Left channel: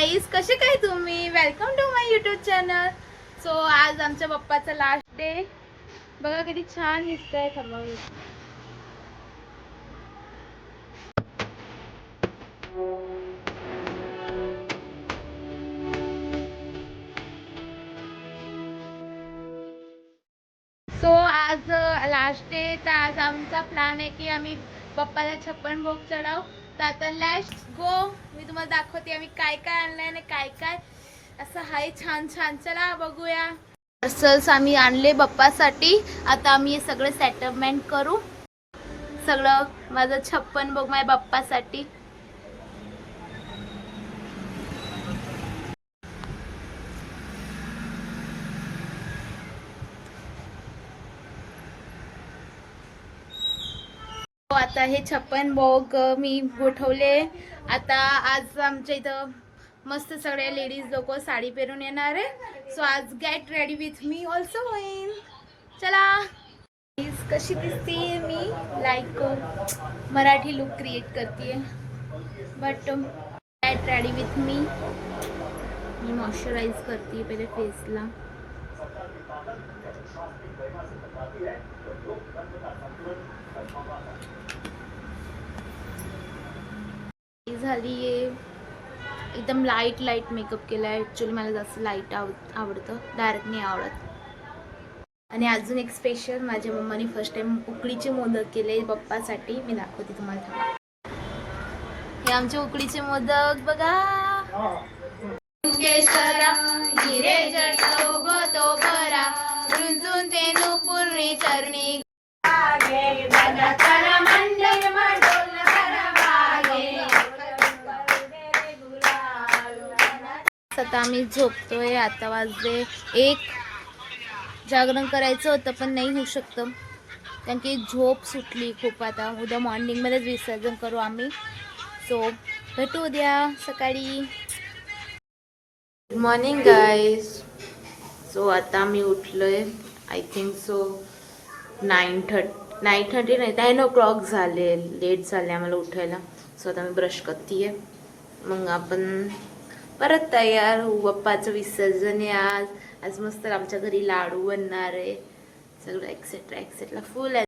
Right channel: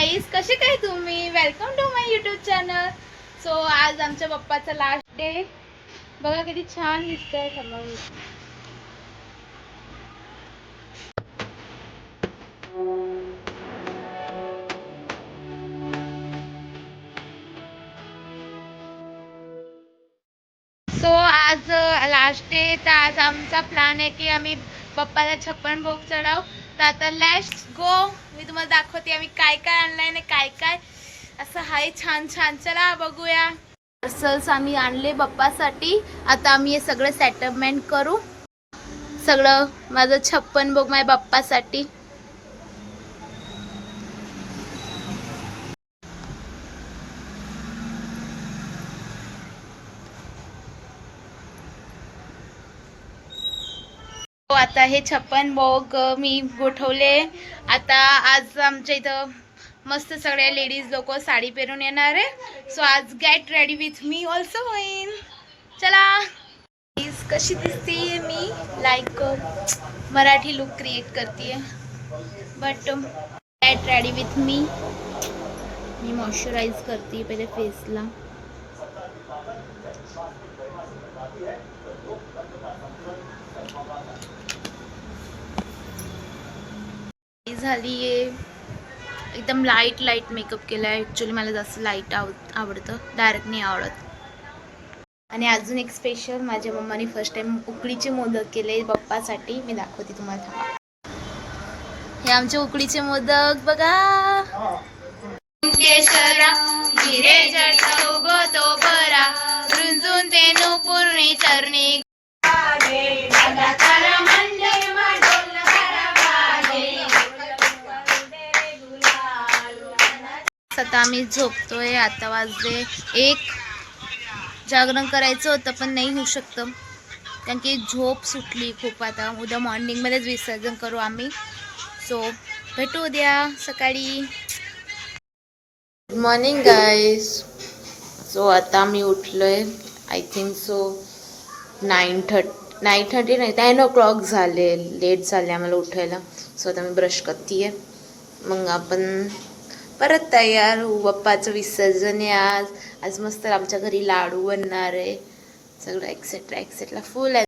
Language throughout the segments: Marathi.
गाईज, कसे काय तुम्ही? Welcome to my YouTube channel. So आज आमच्या पप्पाचा लास्ट डे. बघा किती छान दिसतंय. सो आज लास्ट डे. तर आज आमचा प्लॅन आहे की आम्ही पप्पाला 56 भोग चढाव. तर आता लेट्स गो. मी तुम्हाला दाखवते आम्ही काय काय आणलंय आणि काय काय असं हाय छान छान. चला बघूया. पार्सल्स आम्ही आणले पप्पासाठी. आता आम्ही हे सगळं सेटलमेंट करू. सगळं माझं 56 भोग माझ्या बाप्पासाठी. आता हे 56 भोग मी गोठवले. आता आज आमच्या इथं मस्त सगळ्या लेडीज लोक साडी पेरून येणार आहे. सो आज get ready with me also होईन. चला. कशी दिसते मी? लाईक मराठी लुक क्रिएट करते. But get ready with me. Me moisturise करते पहिले फेसला. झाली आहे. एकदम लाईट मेकअप केलाय. ॲक्च्युली मला जास्त लाईट आवडतं, डायरेक्ट नाही आवडत. आणि अजून एक स्पेशल, माझ्या मम्माने फर्स्ट टाइम उकडीचे मोदक केले पप्पासाठी. मी दाखवते तुम्हाला, थांबा. हे आमचे उकडीचे मोदक बघा. केशरा हिरे जट उगतो बरा, रुंजून तेनु पूर्णी चरणी. आता आम्ही झोपतोय. आता वाजले 1. जागरण करायचं होतं पण नाही होऊ शकतं कारण की झोप सुटली खूप. आता उद्या मॉर्निंगमध्येच विसर्जन करू आम्ही. सो भेटू उद्या सकाळी. Good morning guys. सो आता आम्ही उठलोय. आय थिंक सो 9:30 नाही 10 o'clock झाले. लेट झाले आम्हाला उठायला. सो आता मी ब्रश करते आहे. मग आपण परत तयार होऊ. बाप्पाचं विसर्जन आहे आज. आज मस्त आमच्या घरी लाडू बनणार आहे. सगळं एक्सेट्रा फुल आहे.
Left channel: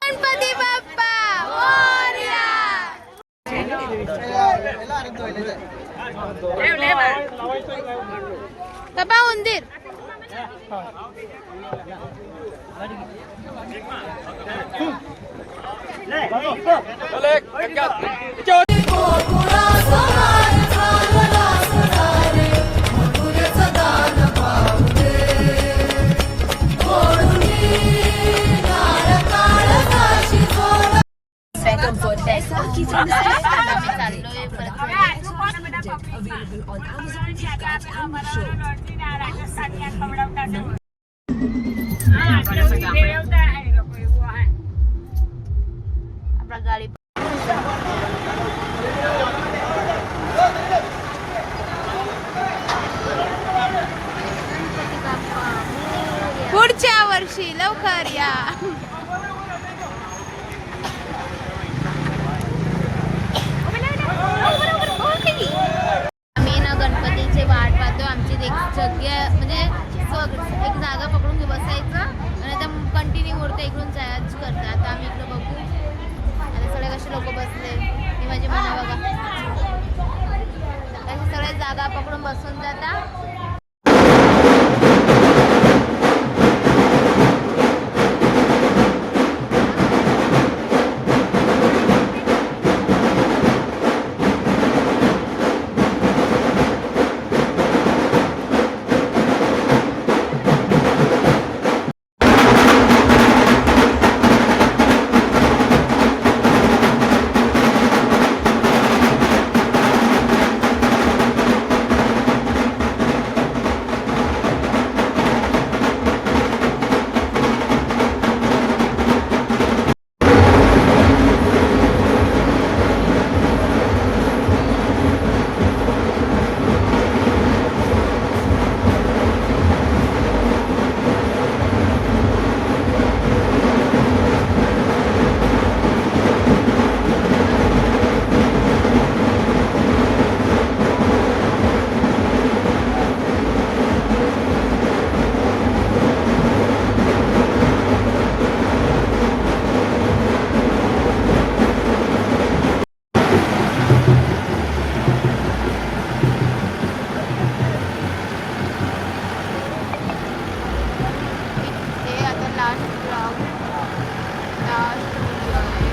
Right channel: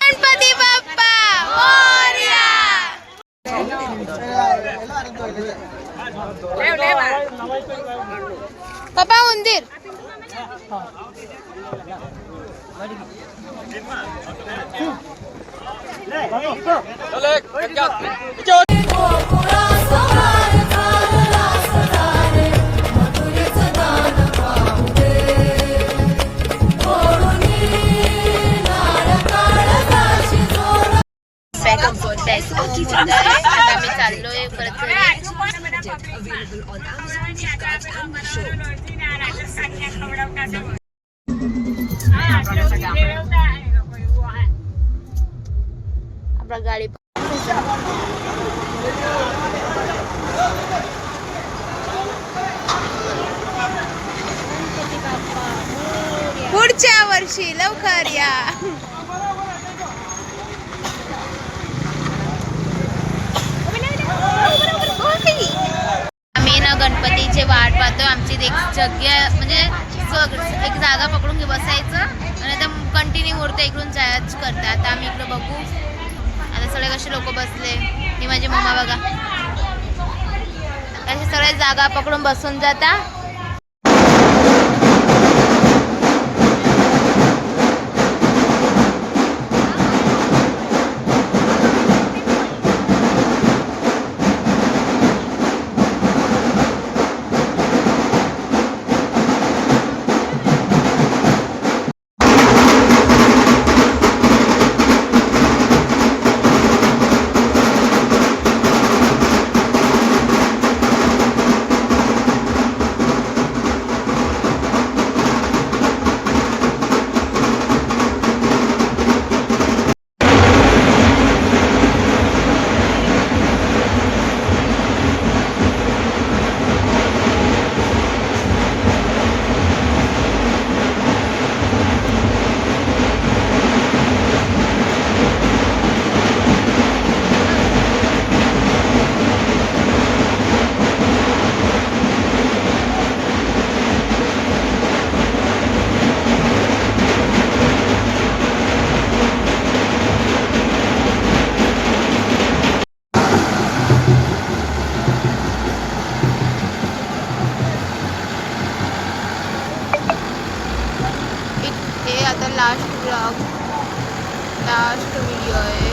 गणपती बाप्पा मोरया. बाबा उंदीर. आता मी चाललोय परत घरी. आपला गाडी पुढच्या वर्षी लवकर या. आम्ही ना गणपतीचे वाट पाहतोय. आमची एक जग्या म्हणजे एक जागा पकडून घे बसायचं आणि आता कंटिन्यू मूर्ती इकडून जायच करते. आता आम्ही इकडं बघू. आता सगळे कसे लोक बसले. ही माझी मम्मा बघा कसे सगळे जागा पकडून बसून जाता. लास्ट व्हिडिओ आहे.